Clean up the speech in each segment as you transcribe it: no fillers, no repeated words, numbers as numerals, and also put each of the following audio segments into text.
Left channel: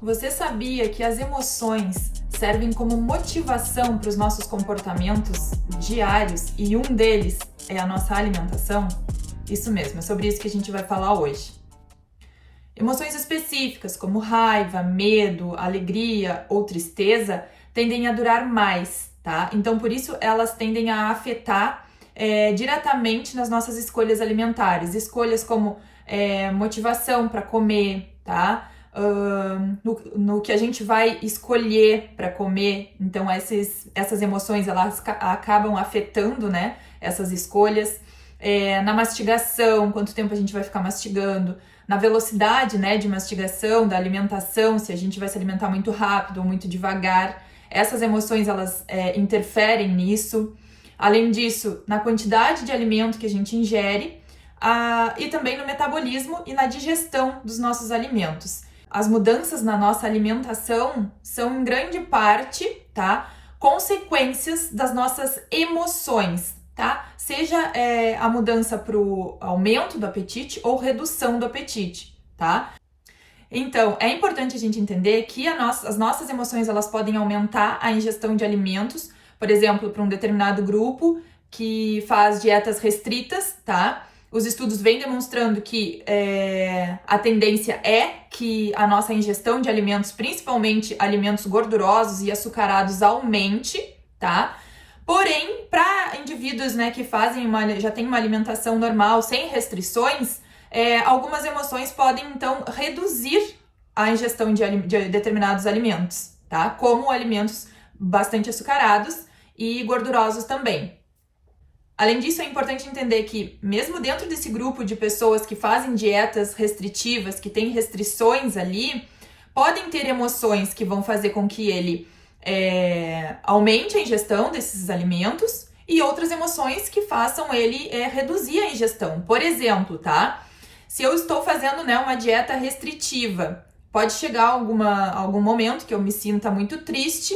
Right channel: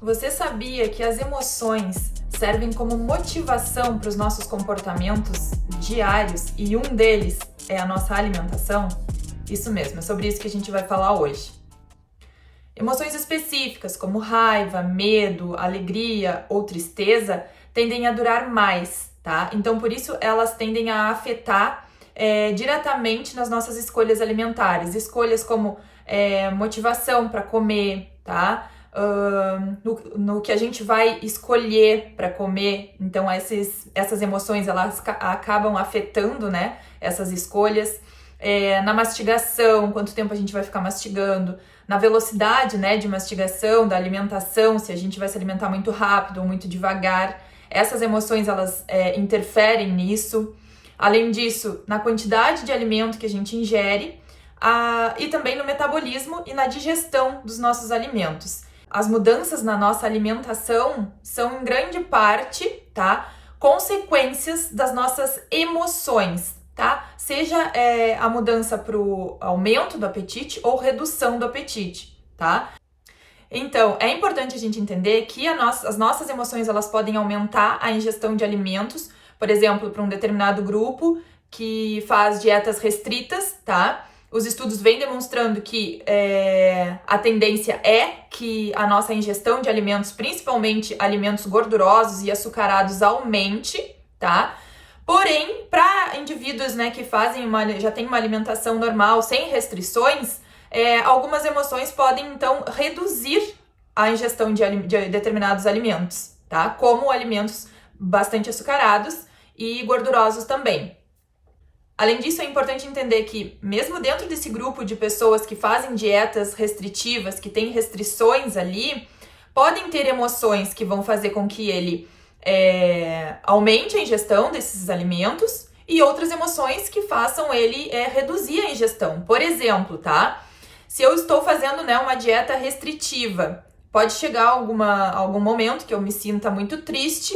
Você sabia que as emoções servem como motivação para os nossos comportamentos diários e um deles é a nossa alimentação? Isso mesmo, é sobre isso que a gente vai falar hoje. Emoções específicas, como raiva, medo, alegria ou tristeza, tendem a durar mais, tá? Então, por isso, elas tendem a afetar diretamente nas nossas escolhas alimentares. Escolhas como motivação para comer, tá? No que a gente vai escolher para comer. Então, essas emoções, elas acabam afetando, né, essas escolhas. Na mastigação, quanto tempo a gente vai ficar mastigando, na velocidade, né, de mastigação, da alimentação, se a gente vai se alimentar muito rápido ou muito devagar. Essas emoções, elas interferem nisso. Além disso, na quantidade de alimento que a gente ingere, e também no metabolismo e na digestão dos nossos alimentos. As mudanças na nossa alimentação são, em grande parte, tá, consequências das nossas emoções, tá? Seja a mudança para o aumento do apetite ou redução do apetite, tá? Então, é importante a gente entender que as nossas emoções, elas podem aumentar a ingestão de alimentos, por exemplo, para um determinado grupo que faz dietas restritas, tá? Os estudos vêm demonstrando que a tendência é que a nossa ingestão de alimentos, principalmente alimentos gordurosos e açucarados, aumente, tá? Porém, para indivíduos, né, que já têm uma alimentação normal, sem restrições, algumas emoções podem, então, reduzir a ingestão de determinados alimentos, tá? Como alimentos bastante açucarados e gordurosos também. Além disso, é importante entender que, mesmo dentro desse grupo de pessoas que fazem dietas restritivas, que têm restrições ali, podem ter emoções que vão fazer com que ele aumente a ingestão desses alimentos e outras emoções que façam ele reduzir a ingestão. Por exemplo, tá? Se eu estou fazendo, né, uma dieta restritiva, pode chegar algum momento que eu me sinta muito triste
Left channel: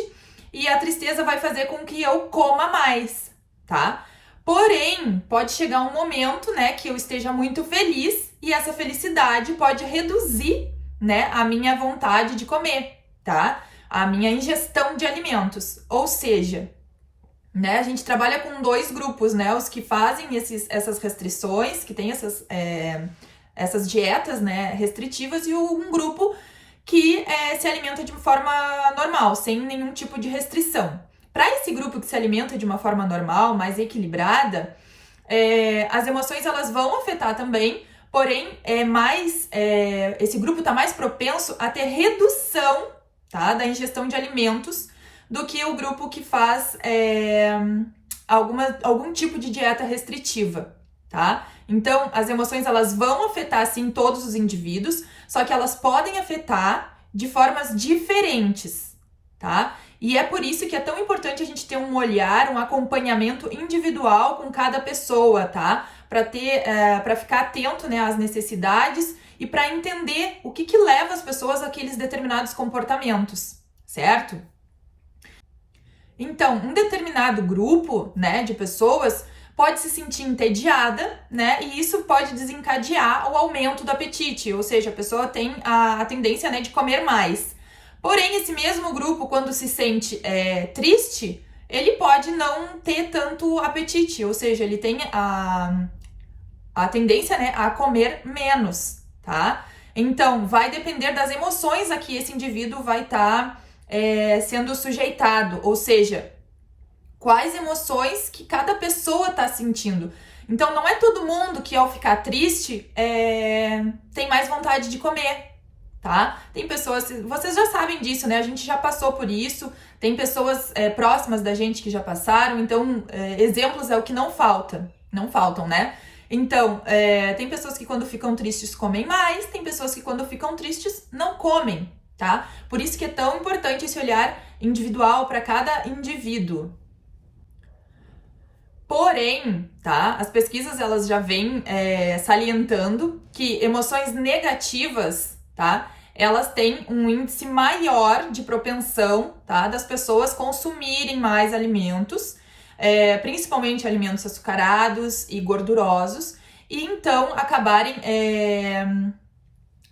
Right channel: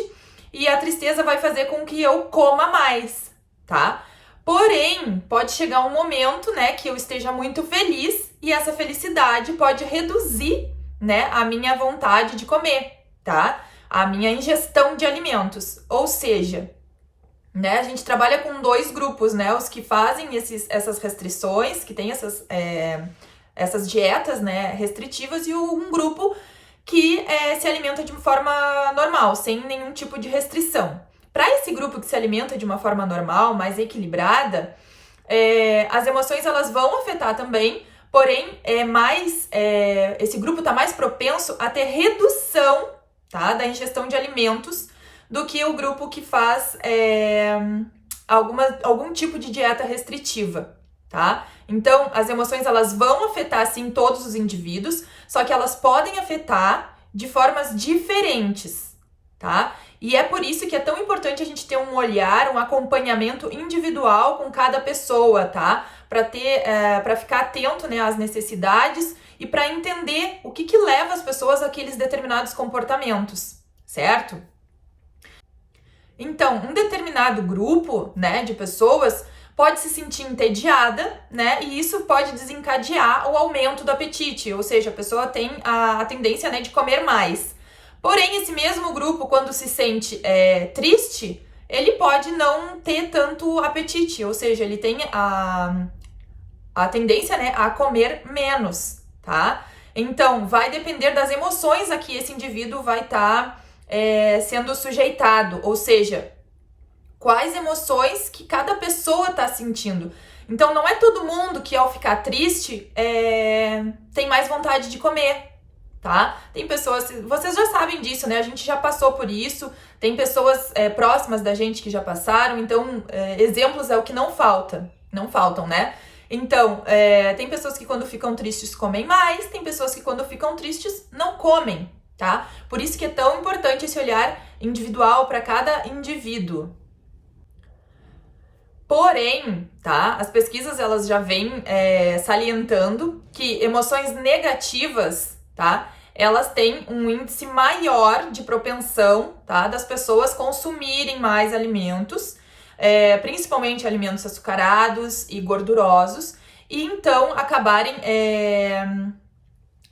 e a tristeza vai fazer com que eu coma mais, tá? Porém, pode chegar um momento, né, que eu esteja muito feliz e essa felicidade pode reduzir, né, a minha vontade de comer, tá? A minha ingestão de alimentos. Ou seja, né, a gente trabalha com dois grupos, né, os que fazem essas restrições, que tem essas dietas, né, restritivas, e um grupo que se alimenta de uma forma normal, sem nenhum tipo de restrição. Para esse grupo que se alimenta de uma forma normal, mais equilibrada, as emoções, elas vão afetar também, porém, esse grupo está mais propenso a ter redução, tá, da ingestão de alimentos do que o grupo que faz algum tipo de dieta restritiva, tá? Então, as emoções, elas vão afetar, sim, todos os indivíduos, só que elas podem afetar de formas diferentes, tá? E é por isso que é tão importante a gente ter um olhar, um acompanhamento individual com cada pessoa, tá? Para ficar atento, né, às necessidades e para entender o que leva as pessoas àqueles determinados comportamentos, certo? Então, um determinado grupo, né, de pessoas pode se sentir entediada, né, e isso pode desencadear o aumento do apetite, ou seja, a pessoa tem a tendência, né, de comer mais. Porém, esse mesmo grupo, quando se sente triste, ele pode não ter tanto apetite, ou seja, ele tem a tendência, né, a comer menos, tá? Então, vai depender das emoções a que esse indivíduo vai estar sendo sujeitado, ou seja, quais emoções que cada pessoa está sentindo. Então, não é todo mundo que, ao ficar triste, tem mais vontade de comer, tá? Tem pessoas, vocês já sabem disso, né? A gente já passou por isso, tem pessoas próximas da gente que já passaram, então exemplos é o que não faltam, né? Então, tem pessoas que quando ficam tristes comem mais, tem pessoas que quando ficam tristes não comem, tá? Por isso que é tão importante esse olhar individual para cada indivíduo. Porém, tá? As pesquisas, elas já vêm salientando que emoções negativas, tá? Elas têm um índice maior de propensão, tá? Das pessoas consumirem mais alimentos, principalmente alimentos açucarados e gordurosos, e então acabarem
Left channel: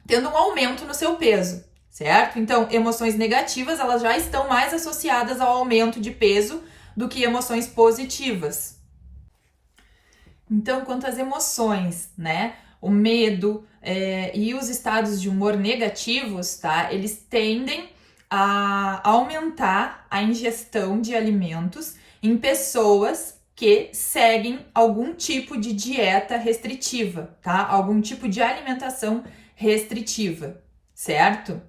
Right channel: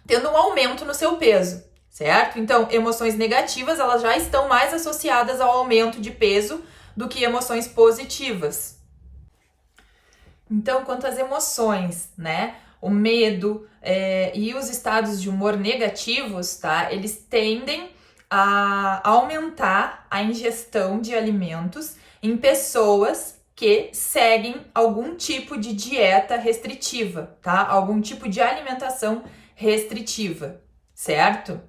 tendo um aumento no seu peso, certo? Então, emoções negativas, elas já estão mais associadas ao aumento de peso do que emoções positivas. Então, quanto às emoções, né? O medo e os estados de humor negativos, tá? Eles tendem a aumentar a ingestão de alimentos em pessoas que seguem algum tipo de dieta restritiva, tá? Algum tipo de alimentação restritiva, certo?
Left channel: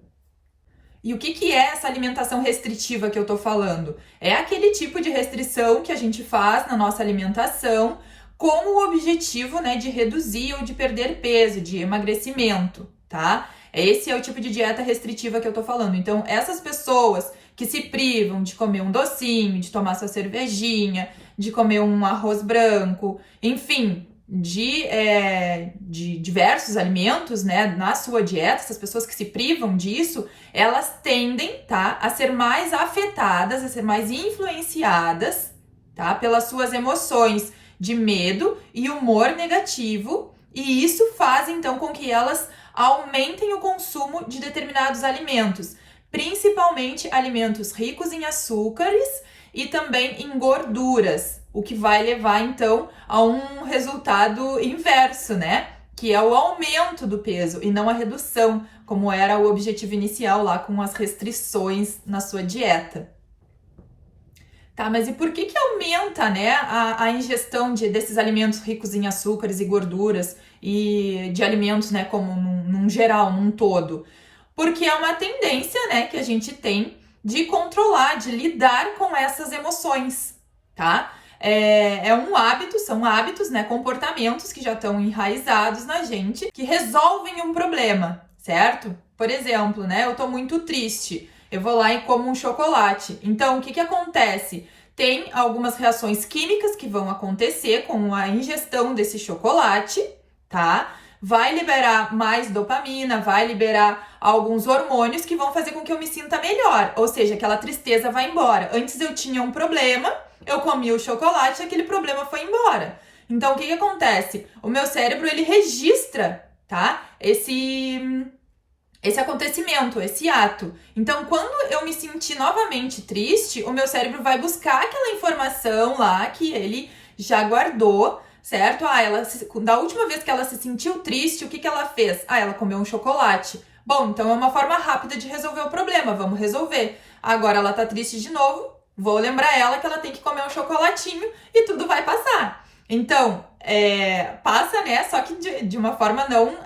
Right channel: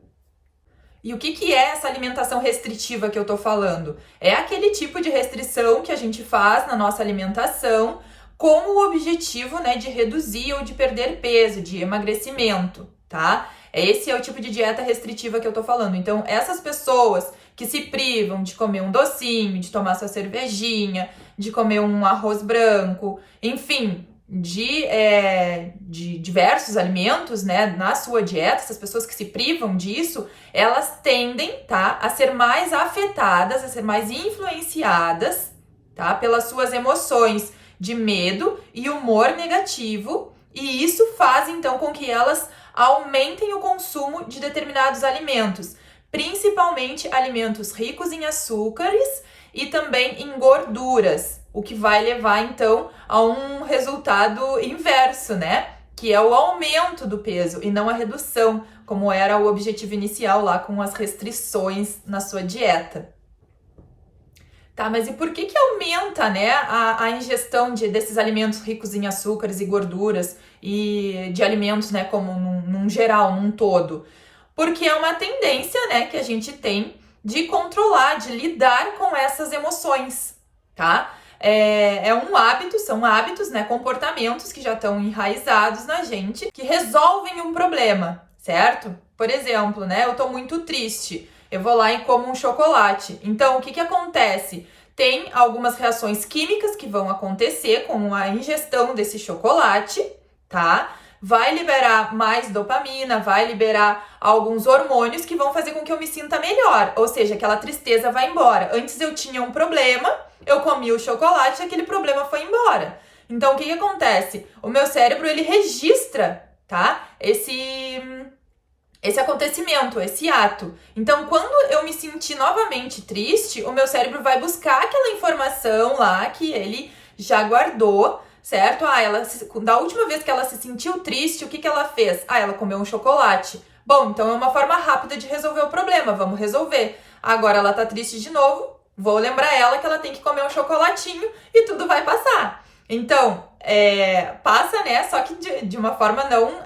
E o que é essa alimentação restritiva que eu tô falando? É aquele tipo de restrição que a gente faz na nossa alimentação com o objetivo, né, de reduzir ou de perder peso, de emagrecimento, tá? Esse é o tipo de dieta restritiva que eu tô falando. Então, essas pessoas que se privam de comer um docinho, de tomar sua cervejinha, de comer um arroz branco, enfim, de diversos alimentos, né, na sua dieta, essas pessoas que se privam disso, elas tendem, tá, a ser mais afetadas, a ser mais influenciadas, tá, pelas suas emoções de medo e humor negativo, e isso faz então com que elas aumentem o consumo de determinados alimentos, principalmente alimentos ricos em açúcares e também em gorduras, o que vai levar então a um resultado inverso, né? Que é o aumento do peso e não a redução, como era o objetivo inicial lá com as restrições na sua dieta. Tá, mas e por que aumenta, né, a ingestão desses alimentos ricos em açúcares e gorduras e de alimentos, né, como num geral, num todo? Porque é uma tendência, né, que a gente tem de controlar, de lidar com essas emoções, tá? É um hábito, são hábitos, né, comportamentos que já estão enraizados na gente, que resolvem um problema, certo? Por exemplo, né, eu tô muito triste, eu vou lá e como um chocolate. Então, o que acontece? Tem algumas reações químicas que vão acontecer com a ingestão desse chocolate, tá? Vai liberar mais dopamina, vai liberar alguns hormônios que vão fazer com que eu me sinta melhor. Ou seja, aquela tristeza vai embora. Antes eu tinha um problema, eu comi o chocolate e aquele problema foi embora. Então, o que acontece? O meu cérebro, ele registra, tá? Esse acontecimento, esse ato. Então, quando eu me sentir novamente triste, o meu cérebro vai buscar aquela informação lá que ele já guardou, certo? Da última vez que ela se sentiu triste, o que ela fez? Ela comeu um chocolate. Bom, então é uma forma rápida de resolver o problema, vamos resolver. Agora ela tá triste de novo, vou lembrar ela que ela tem que comer um chocolatinho e tudo vai passar. Então, passa, né? Só que de uma forma não...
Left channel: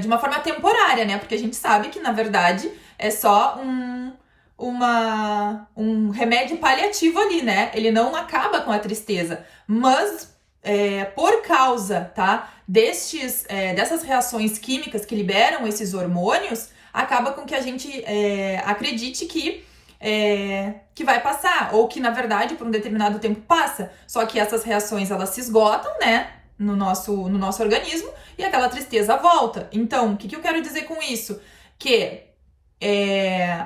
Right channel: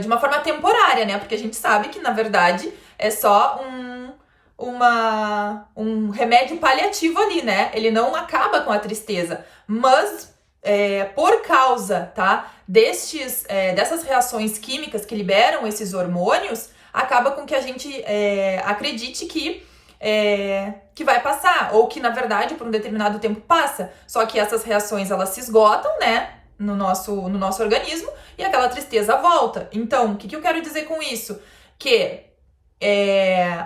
de uma forma temporária, né? Porque a gente sabe que, na verdade, é só um remédio paliativo ali, né? Ele não acaba com a tristeza, mas por causa, tá, dessas reações químicas que liberam esses hormônios, acaba com que a gente acredite que vai passar, ou que, na verdade, por um determinado tempo passa. Só que essas reações, elas se esgotam, né? No nosso organismo, e aquela tristeza volta. Então, o que eu quero dizer com isso? Que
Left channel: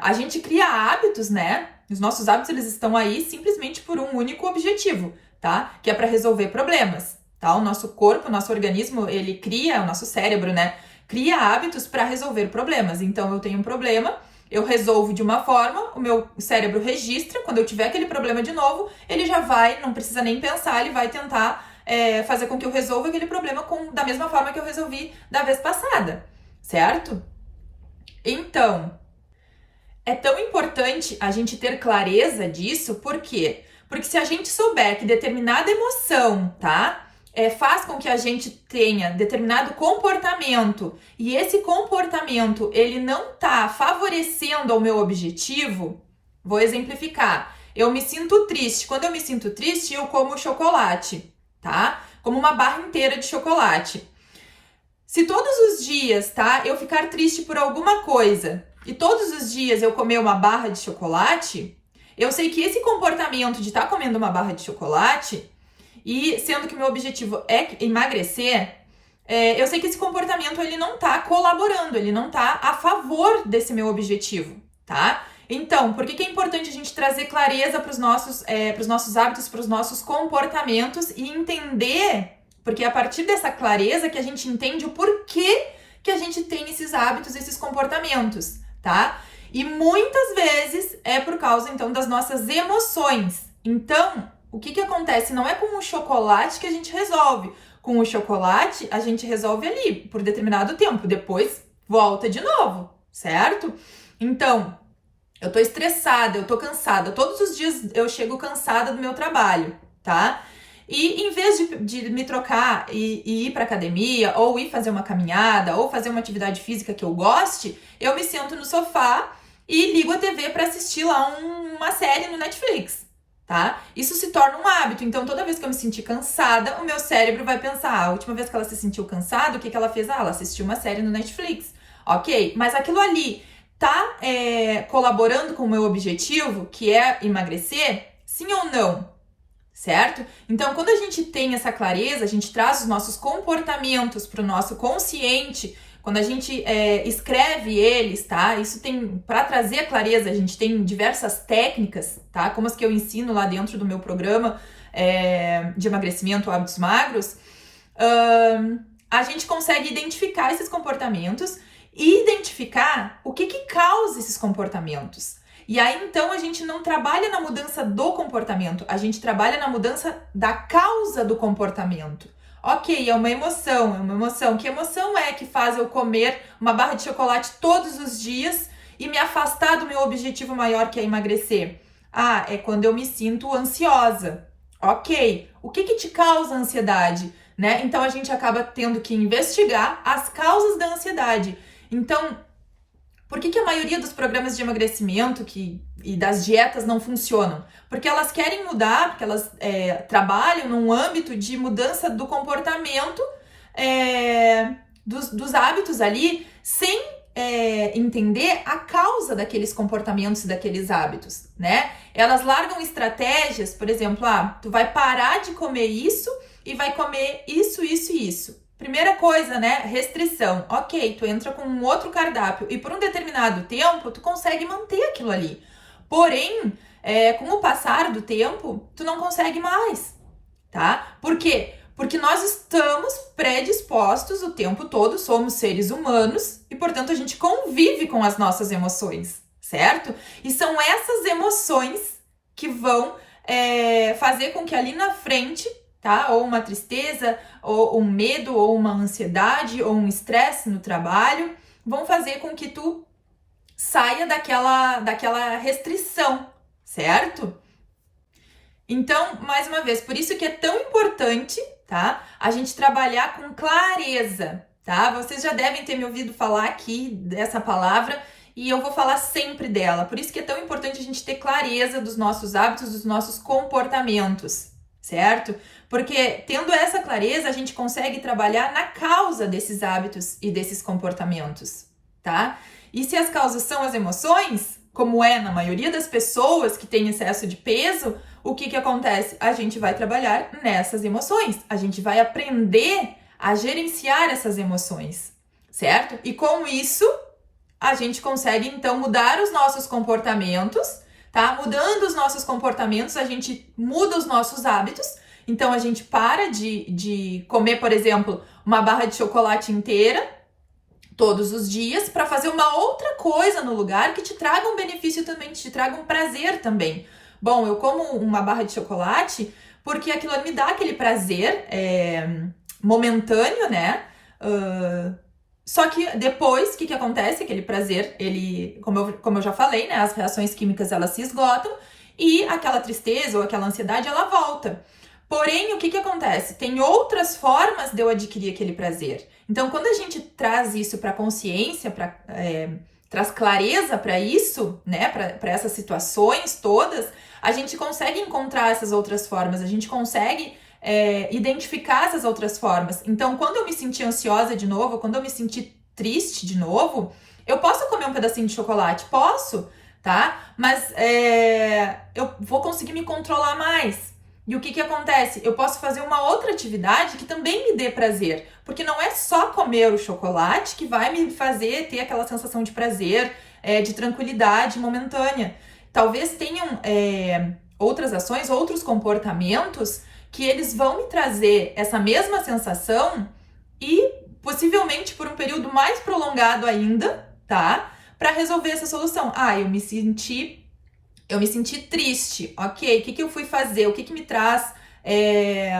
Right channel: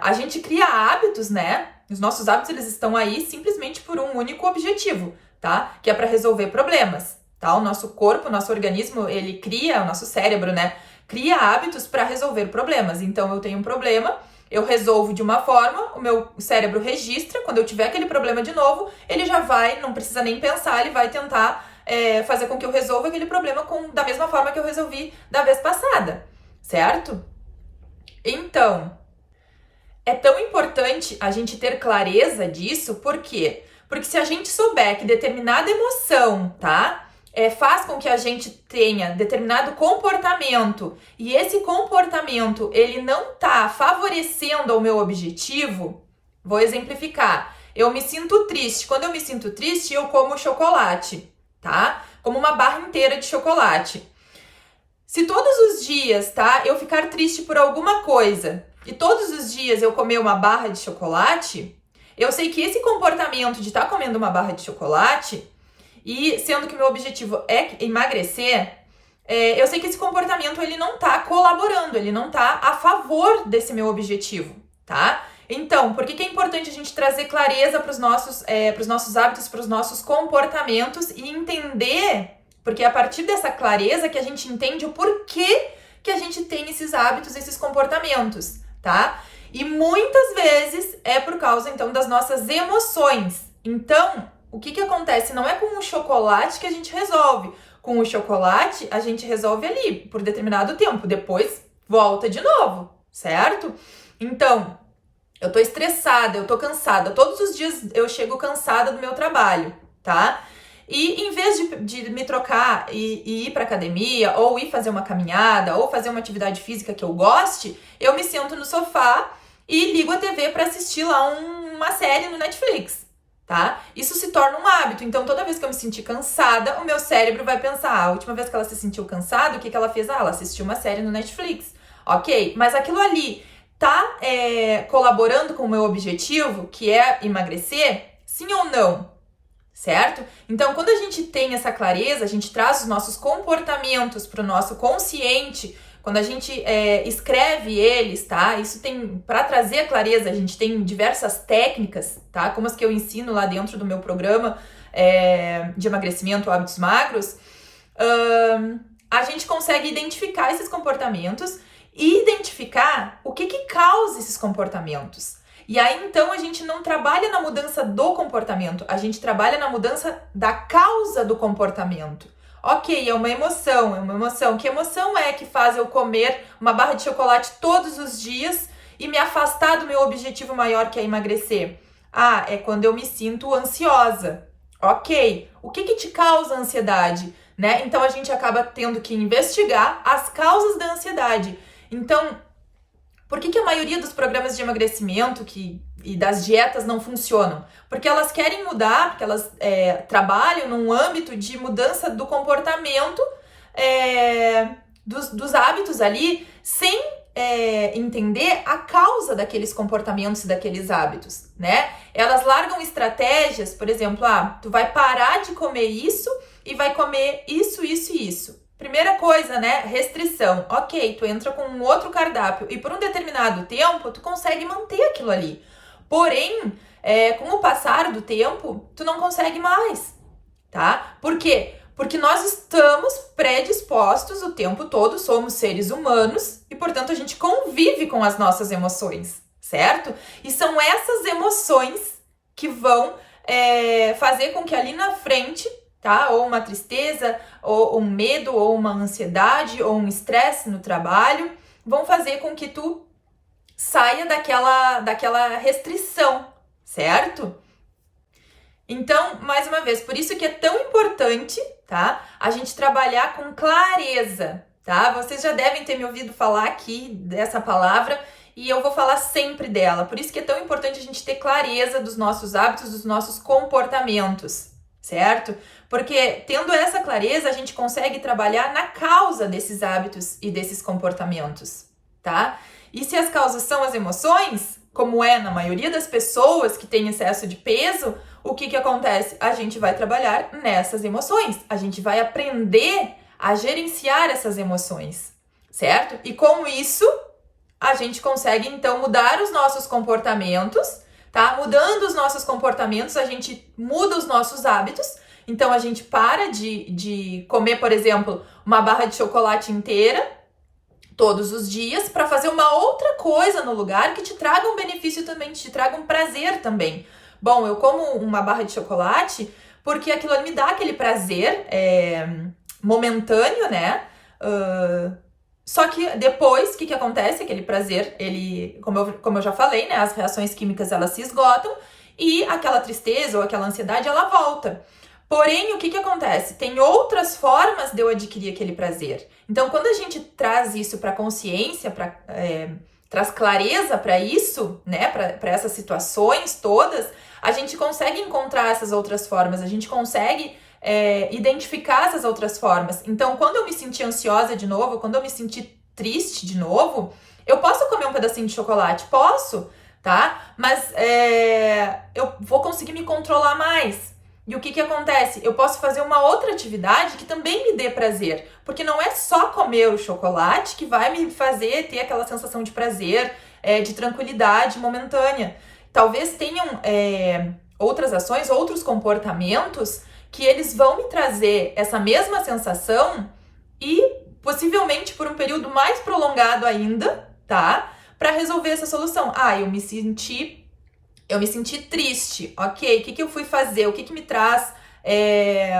a gente cria hábitos, né? Os nossos hábitos, eles estão aí simplesmente por um único objetivo, tá? Que é para resolver problemas, tá? O nosso corpo, o nosso organismo, ele cria, o nosso cérebro, né? Cria hábitos para resolver problemas. Então, eu tenho um problema, eu resolvo de uma forma, o meu cérebro registra, quando eu tiver aquele problema de novo, ele já vai, não precisa nem pensar, ele vai tentar fazer com que eu resolva aquele problema da mesma forma que eu resolvi da vez passada, certo? Então, é tão importante a gente ter clareza disso, por quê? Porque se a gente souber que determinada emoção, tá? Faz com que a gente tenha determinado comportamento e esse comportamento, ele não tá favorecendo ao meu objetivo, vou exemplificar. Eu me sinto triste. Quando eu me sinto triste, eu como chocolate, tá? Como uma barra inteira de chocolate. Se todos os dias, tá, eu ficar triste por alguma coisa e todos os dias eu comer uma barra de chocolate, eu sei que esse comportamento de estar comendo uma barra de chocolate, e sendo que meu objetivo é emagrecer, eu sei que esse comportamento ele não tá colaborando, ele não tá a favor desse meu objetivo, tá? Então, por que é importante a gente trazer clareza para os nossos hábitos, para os nossos comportamentos e entender, porque é a partir dessa clareza que a gente entende o porquê que a gente tem esses hábitos, esses comportamentos, tá? E muitas vezes é por causa, então, das nossas emoções. Então, o que acontece? Não é com o chocolate que a gente resolve. Com o chocolate, a gente resolve ali, por determinado tempo. Depois, volta de novo, certo? Então, eu tô estressada, eu tô cansada. Todos os dias eu chego cansada do meu trabalho, tá? E em vez de me trocar e ir pra academia, ou ir fazer uma caminhada, ou fazer uma atividade física que eu goste, eu me sento no sofá e ligo a TV para assistir lá uma série no Netflix, tá? Isso se torna um hábito. Então, toda vez que eu me sentir cansada, o meu cérebro vai pensar, a última vez que ela se sentiu cansada, o que ela fez? Ela assistiu uma série no Netflix. Ok, mas aquilo ali tá colaborando com o meu objetivo, que é emagrecer? Sim ou não? Certo? Então, quando a gente tem essa clareza, a gente traz os nossos comportamentos para o nosso consciente, quando a gente escreve eles, tá? Isso tem, para trazer a clareza, a gente tem diversas técnicas, tá? Como as que eu ensino lá dentro do meu programa de emagrecimento, hábitos magros, a gente consegue identificar esses comportamentos e identificar o que causa esses comportamentos. E aí, então, a gente não trabalha na mudança do comportamento, a gente trabalha na mudança da causa do comportamento. Ok, é uma emoção. Que emoção é que faz eu comer uma barra de chocolate todos os dias e me afastar do meu objetivo maior, que é emagrecer? Ah, é quando eu me sinto ansiosa. Ok, o que te causa ansiedade, né? Então, a gente acaba tendo que investigar as causas da ansiedade. Então, por que a maioria dos programas de emagrecimento e das dietas não funcionam? Porque elas querem mudar, porque elas trabalham num âmbito de mudança do comportamento, dos hábitos ali, sem entender a causa daqueles comportamentos e daqueles hábitos, né? Elas largam estratégias, por exemplo, tu vai parar de comer isso e vai comer isso, isso e isso. Primeira coisa, né? Restrição. Ok, tu entra com um outro cardápio e por um determinado tempo tu consegue manter aquilo ali. Porém, com o passar do tempo, tu não consegue mais, tá? Por quê? Porque nós estamos predispostos o tempo todo, somos seres humanos e, portanto, a gente convive com as nossas emoções, certo? E são essas emoções que vão fazer com que ali na frente, tá? Ou uma tristeza, ou um medo, ou uma ansiedade, ou um estresse no trabalho, vão fazer com que tu saia daquela restrição, certo? Então, mais uma vez, por isso que é tão importante, tá? A gente trabalhar com clareza, tá? Vocês já devem ter me ouvido falar aqui dessa palavra e eu vou falar sempre dela. Por isso que é tão importante a gente ter clareza dos nossos hábitos, dos nossos comportamentos, certo? Porque tendo essa clareza, a gente consegue trabalhar na causa desses hábitos e desses comportamentos, tá? E se as causas são as emoções, como é na maioria das pessoas que têm excesso de peso, o que acontece? A gente vai trabalhar nessas emoções, a gente vai aprender a gerenciar essas emoções, certo? E com isso, a gente consegue, então, mudar os nossos comportamentos, tá? Mudando os nossos comportamentos, a gente muda os nossos hábitos. Então, a gente para de comer, por exemplo, uma barra de chocolate inteira todos os dias para fazer uma outra coisa no lugar que te traga um benefício também, que te traga um prazer também. Bom, eu como uma barra de chocolate porque aquilo me dá aquele prazer momentâneo, né? Só que depois, o que acontece? Aquele prazer, ele, como eu já falei, né? As reações químicas, elas se esgotam e aquela tristeza ou aquela ansiedade, ela volta. Porém, o que acontece? Tem outras formas de eu adquirir aquele prazer. Então, quando a gente traz isso para a consciência, traz clareza para isso, né? Para essas situações todas, a gente consegue encontrar essas outras formas, a gente consegue identificar essas outras formas. Então, quando eu me sentir ansiosa de novo, quando eu me sentir triste de novo, eu posso comer um pedacinho de chocolate? Posso, tá? Mas eu vou conseguir me controlar mais. E o que acontece? Eu posso fazer uma outra atividade que também me dê prazer, porque não é só comer o chocolate que vai me fazer ter aquela sensação de prazer, de tranquilidade momentânea. Talvez tenham outras ações, outros comportamentos que eles vão me trazer essa mesma sensação e possivelmente por um período mais prolongado ainda, tá? Para resolver essa solução. Eu me senti triste, ok? O que eu fui fazer? O que me traz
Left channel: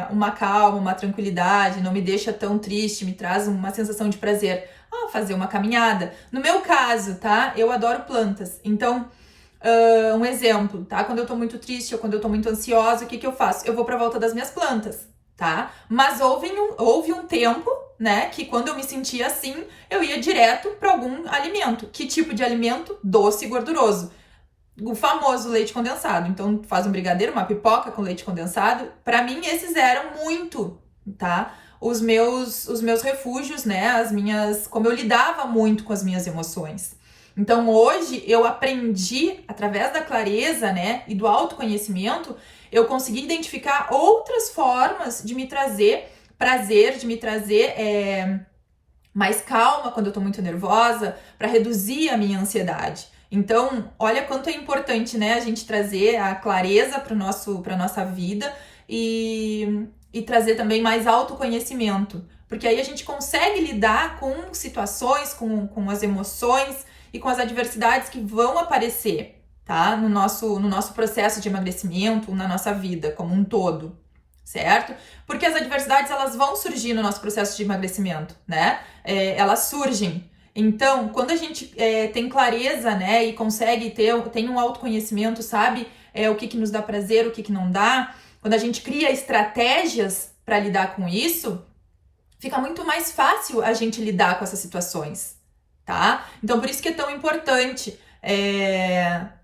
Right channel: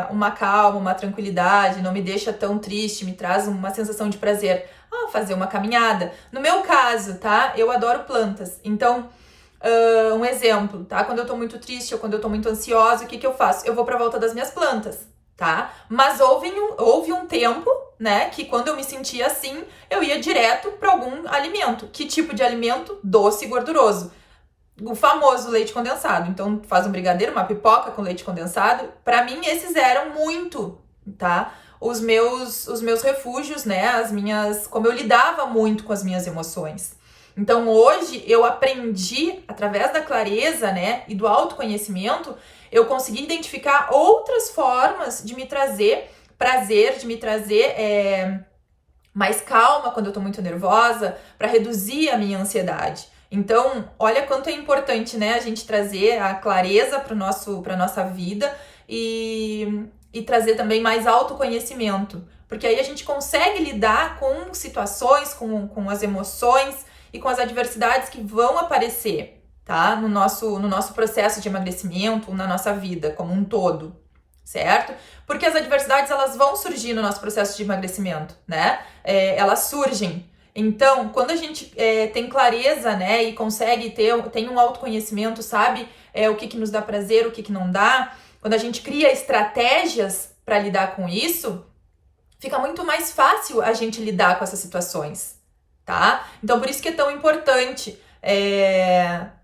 uma calma, uma tranquilidade, não me deixa tão triste, me traz uma sensação de prazer? Fazer uma caminhada. No meu caso, tá? Eu adoro plantas. Então, um exemplo, tá? Quando eu tô muito triste ou quando eu tô muito ansiosa, o que eu faço? Eu vou pra volta das minhas plantas, tá? Mas houve um tempo, né, que quando eu me sentia assim, eu ia direto para algum alimento. Que tipo de alimento? Doce e gorduroso. O famoso leite condensado. Então, faz um brigadeiro, uma pipoca com leite condensado. Para mim, esses eram muito, tá? Os meus refúgios, né? Como eu lidava muito com as minhas emoções. Então, hoje, eu aprendi, através da clareza, né, e do autoconhecimento, eu consegui identificar outras formas de me trazer prazer, de me trazer mais calma quando eu tô muito nervosa, para reduzir a minha ansiedade. Então, olha quanto é importante, né, a gente trazer a clareza para nossa vida e trazer também mais autoconhecimento, porque aí a gente consegue lidar com situações, com as emoções e com as adversidades que vão aparecer, tá? No nosso processo de emagrecimento, na nossa vida como um todo, certo? Porque as adversidades, elas vão surgir no nosso processo de emagrecimento, né? Elas surgem. Então, quando a gente tem clareza, né, e consegue tem um autoconhecimento, sabe o que nos dá prazer, o que não dá, quando a gente cria estratégias para lidar com isso, fica muito mais fácil a gente lidar com essas situações, tá? Então, por isso que é tão importante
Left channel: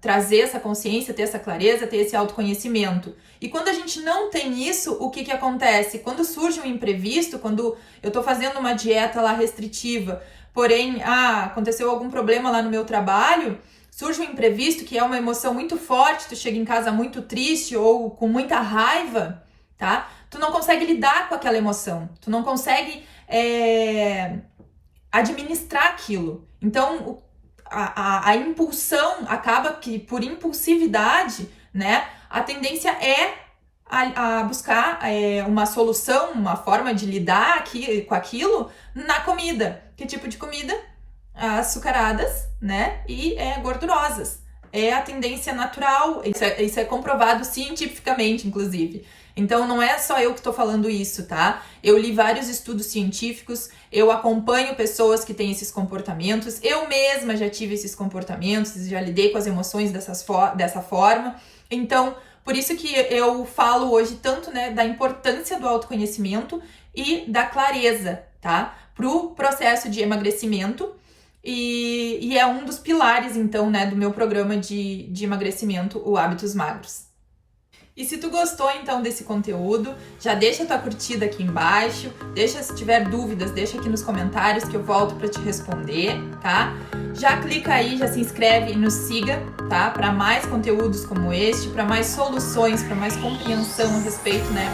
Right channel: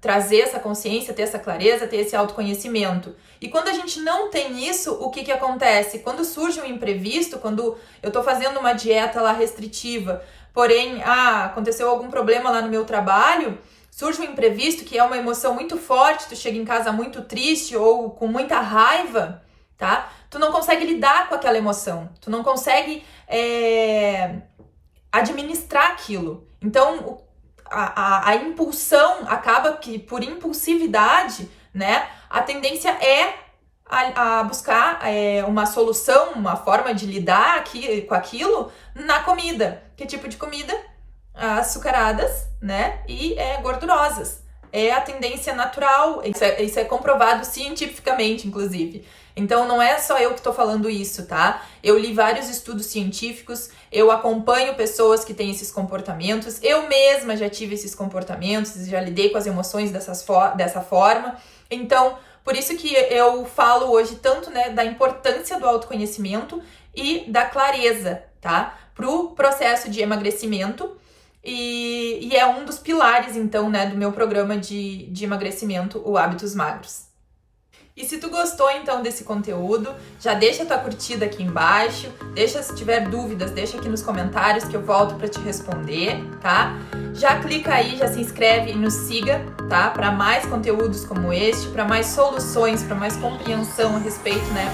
trazer essa consciência, ter essa clareza, ter esse autoconhecimento. E quando a gente não tem isso, o que acontece? Quando surge um imprevisto, quando eu tô fazendo uma dieta lá restritiva, porém, aconteceu algum problema lá no meu trabalho, surge um imprevisto, que é uma emoção muito forte, tu chega em casa muito triste ou com muita raiva, tá? Tu não consegue lidar com aquela emoção, tu não consegue administrar aquilo. Então, a impulsão acaba que, por impulsividade, né, a tendência é a buscar uma solução, uma forma de lidar com aquilo na comida. Que tipo de comida? Açucaradas, né, e gordurosas. É a tendência natural, isso é comprovado cientificamente, inclusive. Então, não é só eu que estou falando isso, tá? Eu li vários estudos científicos, eu acompanho pessoas que têm esses comportamentos, eu mesma já tive esses comportamentos, já lidei com as emoções dessa forma. Então, por isso que eu falo hoje tanto, né, da importância do autoconhecimento e da clareza, tá? Pro processo de emagrecimento. E é um dos pilares, então, né, do meu programa de emagrecimento, o Hábitos Magros. E se tu gostou, então, desse conteúdo, já deixa tua curtida aqui embaixo, se tiver dúvidas, deixa aqui nos comentários que eu volto para te responder, tá? Já clica aí, já se inscreve e nos siga, tá? Para mais conteúdos como este, para mais soluções, para mais compreensão a respeito, né,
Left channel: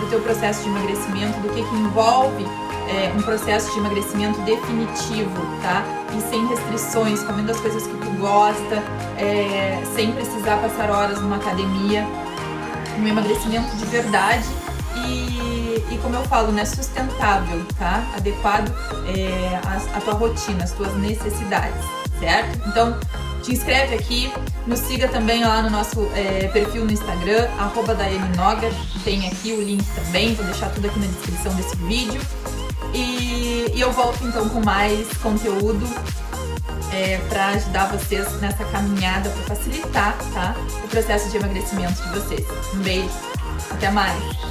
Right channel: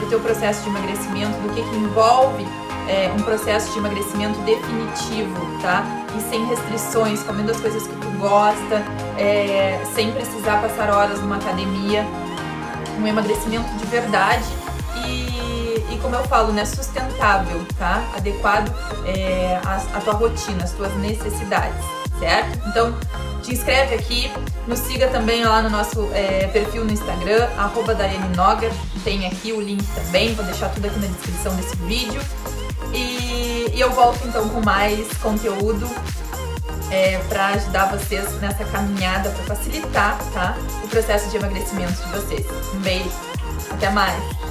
do teu processo de emagrecimento, do que envolve um processo de emagrecimento definitivo, tá? E sem restrições, comendo as coisas que tu gosta, sem precisar passar horas numa academia, um emagrecimento de verdade e como eu falo, né, sustentável, tá? Adequado à tua rotina, às tuas necessidades, certo? Então, te inscreve aqui, nos siga também lá no nosso perfil no Instagram, @DaianeNogar, tem aqui o link também, vou deixar tudo aqui na descrição desse vídeo. E eu volto então com mais conteúdo para ajudar vocês nessa caminhada, para facilitar, tá, o processo de emagrecimento de vocês. Um beijo, até mais!